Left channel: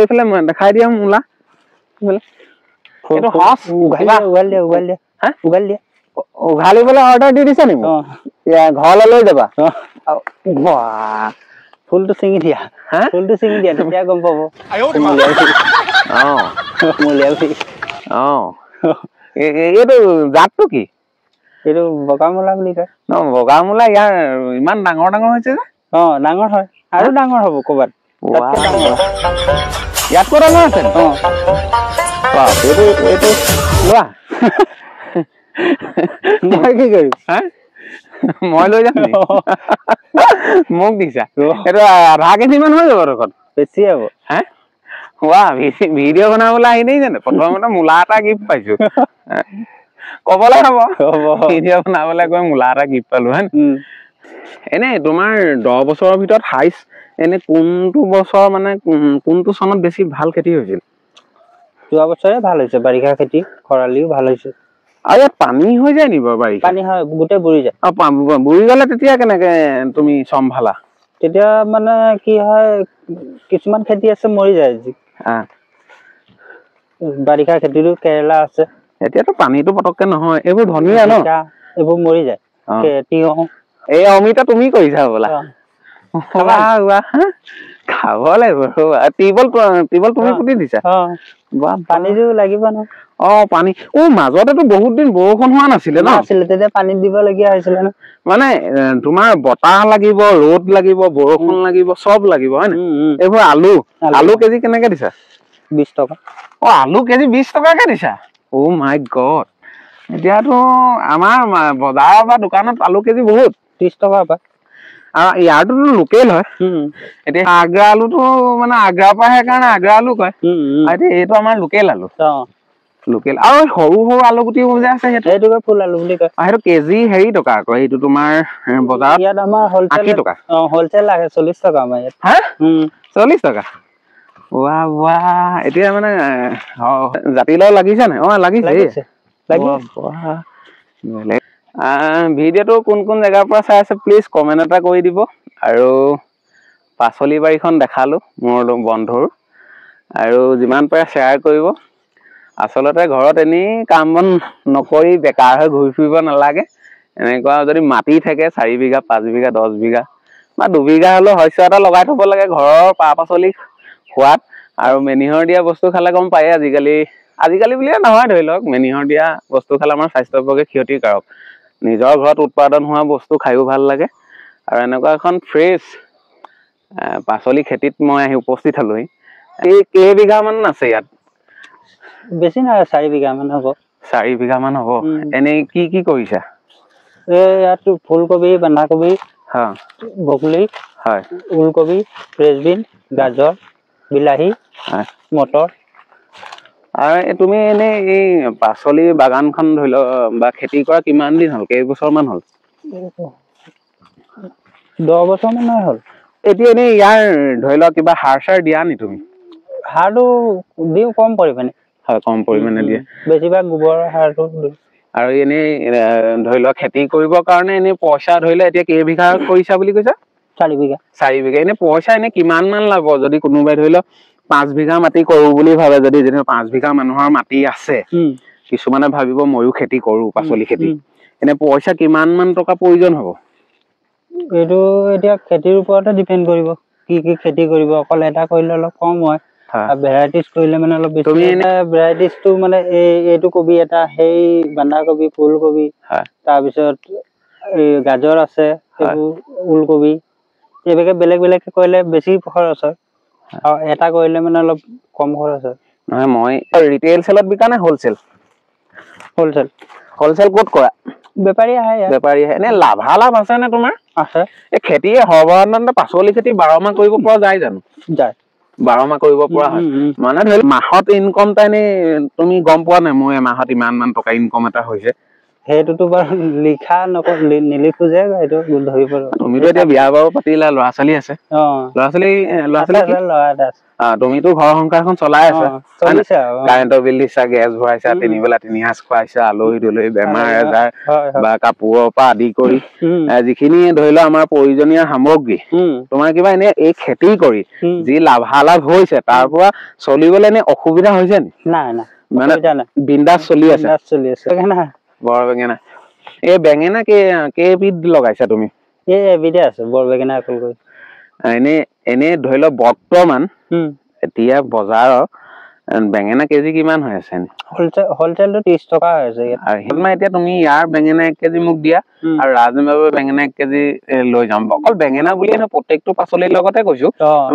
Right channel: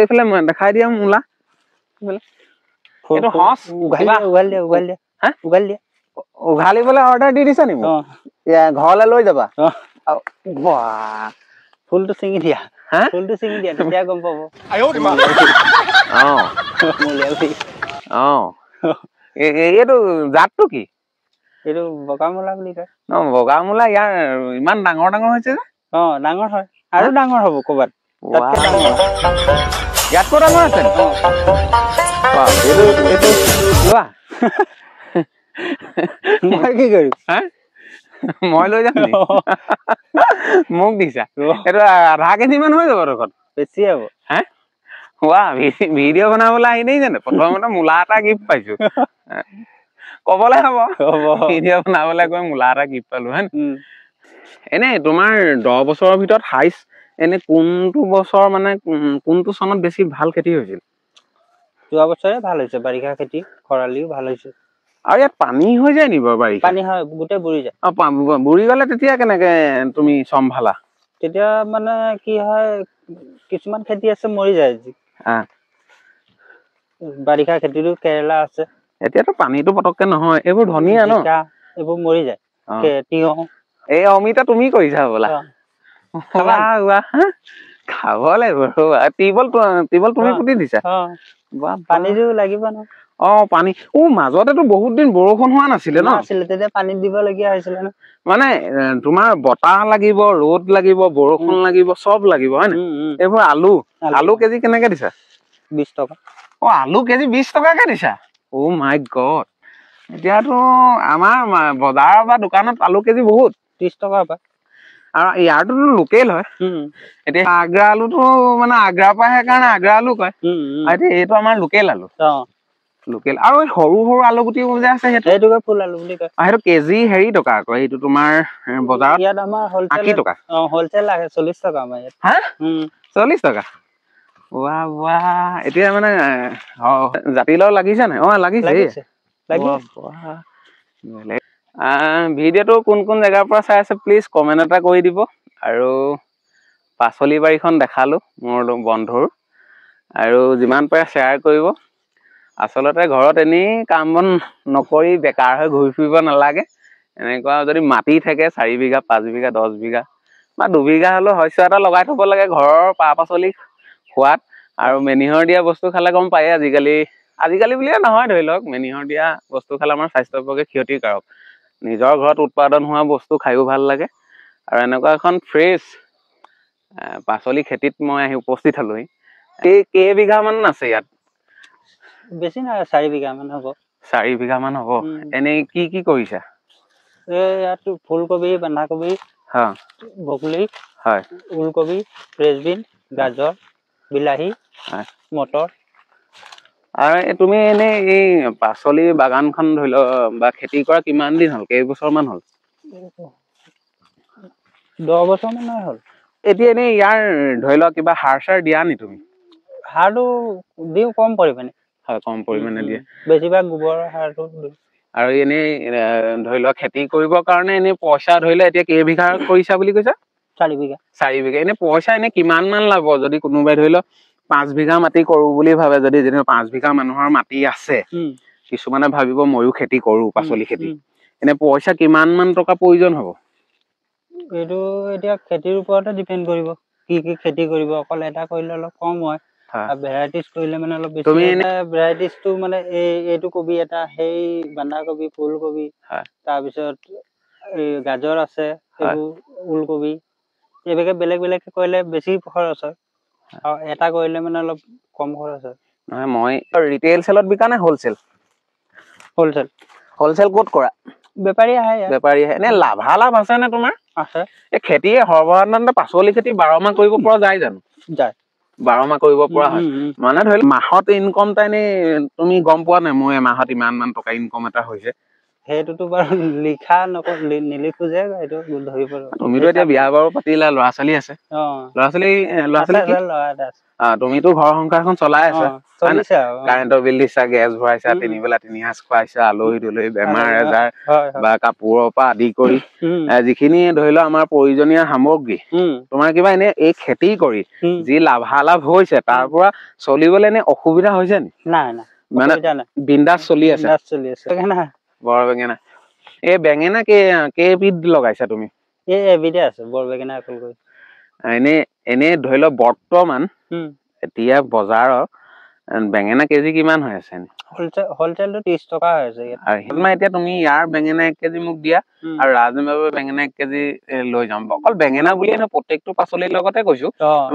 এইফালে দেখাই দিয়া মূলা উঘালিবলৈ অৰ্ডাৰ দি দিছা নেকি ঘৰলৈ লৈ যাবা ফুলটো ছিঙি দিয়া ফুলটো ছিঙি দিয়া তেতিয়া গম পাব এইটো জাতটো কি এইটো বগা মূলা বুলি কয় বগা মূলা ইয়াৰ ইমান ডাঙৰ ডাঙৰ হৈছে যে ডাঙৰ হয় আৰু ডাঙৰ হ'ব ক'ৰবাত ইয়াত ক'ত ডাঙৰ আছে মই কি কৰিম মই লৈ যাম মোক দিছা এইটো আধা কেজি মান হৈ যাব দেখোন বেছি হ'ব ভিডিঅ' বনাবলৈ আহিলেই জানো প্ৰথমতে মূলা এটা গিফ্ট পাইছো কবলৈ হ'ব ভিডিঅ' বনাবলৈ গৈ মূলা এটা গিফ্ট পালো হয় এনে তোমাৰ 10 বছৰৰ ভিতৰত হাইষ্ট এনে কোনটো বছৰ মানে কোনটো চনত বেছি ভাল খেতি হৈছিল যোৱা বছৰে ভাল হৈছে বাৰিষা খেতি খৰালিও ভাল হৈছে আৰু ইয়াত পানী হৈ যায় নি বাৰু বাৰিষা পানী হয় গোটেই বুৰি যায় বুৰি গ'লে তেতিয়া কেনেকে তুমি চম্ভালা তেতিয়া মানে কি হয় কিছুমান খেতি আছে মৰি যায় বাৰিষা খেতিটো কেৰেলা আছে এতিয়াতো পানীটো পতককে নহয় এইবোৰ ধনিয়া ন এইবোৰ মৰি যায় তিয়হ এই অমিতা তুমি কৰিছা বোলা খাব লাগিব টিবল তুমি পুতি দিছা পানীটো লাগিব ন পানী মাজতেতো বহুত দিন বৰষুণ হোৱা নাছিলে ন তেতিয়া পানী দিবলগীয়া হৈছিলে ন মানে তোমাৰ বতাহ লাগিব ৰ'দ লাগিব বৰষুণ লাগিব চব লাগিব হয় নে এইবোৰ আলু কেজি কেনেকে দিছা 20 টকা আলু কেজি 20 টকাকে দিছা মাই গড এতিয়াতো আমাৰ বজাৰৰ বা দোকানত আলু কেজি বহুত 30 টকা পায় আৰু ইয়াৰটোতো লোকেল হয় এতিয়া আগ্ৰা আলুটো মানে আগ্ৰাৰ পৰা সেইকাৰণে আগ্ৰা আলু কয় এতিয়া এইটো আমাৰ লোকেল আলু লোকেল আৰু সৰু সৰু আলু গুটিও যে আছে সেইটো ফুল আলু বুলি কয় সেইটো কেজি হেৰি টকা আকৌ এইটো তোমাৰ বজাৰত ইয়াত আমাৰ 80 টকা হোলচেল লাগে 40 টকা আমাৰ ইয়াত 40 টকা এতিয়া মানে জাতিলাও লাগিছে নাই লাগিছে ভিডিঅ'টো কোন কোন জেগাৰ পৰা চাই আছে প্লিজ কমেণ্ট এটা কৰি দিব আৰু পাচলি বাৰীখন দেখালো মোৰ বন্ধুৰ আৰু যিমান পাৰে শ্বেয়াৰ কৰিব আচলতে ঘৰত এনেই কাম বন নকৰি বেকাৰ হৈ ঘূৰি ফুৰিব নালাগে এনেকুৱা যদি মাটি থাকে 4 বিঘা 5 বিঘা 10 বিঘা বা 2 বিঘা হলেও শস্য এটা লগাই থব লাগে ঘৰৰ পাচলি খোৱাত আৰু মেনিহৰ দিয়া বস্তু খালে গম পায় আজিকালি বুলিয়ে নহয় ধৰি লওক মেনিহৰ দিয়া বস্তু খালে আমাৰ স্বাস্থ্যৰ পক্ষে ক্ষতিকাৰক নিজৰ ঘৰত উৎপাদন হোৱা বস্তু খাইও ভাল লাগে আৰু এনেকুৱা এখন ফ্ৰেছ পাচলি খেতিত মই আহি উপস্থিত হলোহি কেইবিঘা মান আছে ইয়াত বেছি নাই 4 বিঘা মান হ'ব 4 বিঘা মান হ'ব এনেই কি কৰিছা ইয়াত ফুলকবি বন্ধাকবি ব্ৰকলি ওলকবি ফ্ৰেঞ্চবিন গাজৰ বিলাহী মটৰ আৰু তুমি এনেই এই পাচলি বাগানখন ধৰি লওক বা খেতি কৰা কিমান দিন হ'ল কেইবছৰ মান হ'ল 10 বছৰ মান হ'ল এতিয়া এনেই ইয়াৰ ধৰি লওক কিবা সাৰ চাৰ দিয়া নি তুমি সাৰটো দিওঁ কম পৰিমাণে কম পৰিমাণে দিয়ে বেছিভাগ গোবৰ সাৰটো আৰু এনেই ধৰি লওক খেতি কৰিবৰ কাৰণে এনেই পইচা ধৰিলে এতিয়া কেইবিঘা কৰিছা বুলি কৈছা 4 বিঘা এনে পইচা এনে কিমান মান লাভ যদি কোনোবাই ধৰি লওক 5 বিঘা মাটি কৰো বুলি ভাবে যদি 5 বিঘা মানুহৰ মাটি আছে কিছুমানে ভাবিব ময়ো খেতি কৰো পাচলি খেতি এনে পইচা কিমান মান টকা প্ৰয়োজন হ'ব এইটো এতিয়া খেতিৰ ওপৰতে ডিপেন্ড কৰিব কি খেতি কৰিব অকল এটা কৰিলে অলপ কম হয় ভেৰাইটিজ কৰিলে মানে অলপ বেছি ভেৰাইটিজটো মানে এইটো কবি এটা সেই বন্ধাকবি ফুলকবি তাৰপিছত এই গাজৰ আছে এইবোৰ ওলকবি এইভাগে বেলেগ বেলেগকে কৰিলে বেছি খৰচ হয় আৰু এটা কৰিলে মানে অলপ কম খৰচ হয় নহয় মই ৰিটেইল সেলত বিকা নে হোলসেল ক'ত কৰা বেপাৰী আহে এনে লাভালাভ আছে নে তোমাৰ আছে এই খেতি সৰ্বসাধাৰণতে পাচলি খেতি 12 মাহ কৰিব পৰা যায় জানো যায় 12 মাহ কৰিব পৰা হয় মানে ধৰি মাহত ইনকম এটা এনেই তুমি গম পোৱা নাই মই মাহত ইমান মান টকা ইনকম এটা হৈছে সেইটোতো বাৰু লিখা নিলিখো যে এইটো ধৰিব তুমিতো এতিয়া বিয়া বাৰু পাতিলা ল'ৰা ছোৱালী আছে ল'ৰা ছোৱালী ল'ৰা এটা আছে তুমিতো ঘৰ সংসাৰখন চলাই আছা চলিছে কাৰেণ্টৰ বিল দিছা গেছ ভৰাইছা 3 বেলা 3 সাঁজ খুৱাইছা আলহী দুলহী বেমাৰ আজাৰ বা কাপোৰৰ পৰা আদি কৰি যিখিনি ধৰি লও আমাৰ প্ৰয়োজনীয় সামগ্ৰী তোমাৰ কিবা এনে এই খেতি কৰি যি লাভালাভ হৈছে তাৰ পৰা চলিবলৈ এনে অসুবিধা হৈছে নি নাই নাই মানে বিন্দাস চলি আছে বৰ বেঙেনা এই বেঙেনা কেইবিধ লগাইছা তুমি এবিধে আছে বৰ বেঙেনা অকল কৰি এনে ধৰি লও বৰ্তমান এতিয়া বজাৰৰ বেঙেনা কেজি কিমান হৈ আছে হলচেলটো 30 টকা হৈ আছে এতিয়া তুমি ইয়াৰ বেঙেনা 1 কেজি মোক দিয়া আৰু ৰাজমাবৰ বেঙেনা 1 কেজি লৈ যাম অকল বেঙেনা বুলিয়ে নহয় প্ৰত্যেকটো পাচলিৰ লগতে কৈছো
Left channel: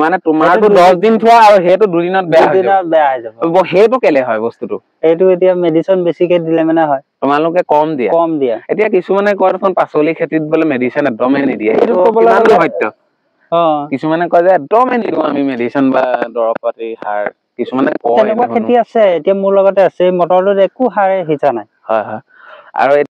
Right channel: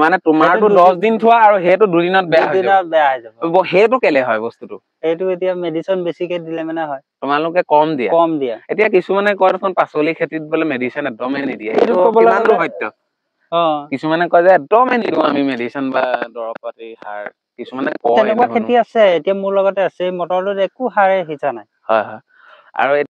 মানে তোমাৰতো 10 দিন থোৱা আৰু সেইটো 2 দিনত বেয়া হৈ যাব সেইটো কেলে হয় বস্তুটো এইটো এতিয়া মেডিচিন বেছিকে দিলে মানে হয় তোমালোকে কম দিয়া এতিয়া কিছুমানে কয় দেখোন পাচলি খেতিত বোলে মেডিচিন একদমেই নিদিয়ে সেইটো কিমানটো সত্য কিছুমানে কয় যে একদমেই নিদিওঁ আমি মেডিচিন বা দৰৱ পাতি সাৰ কিছুমানে তেনেকুৱা খেতি আছে এতিয়া মোৰ লগতে আছে মটৰটোত একো সাৰ সিঁচা নাই আৰু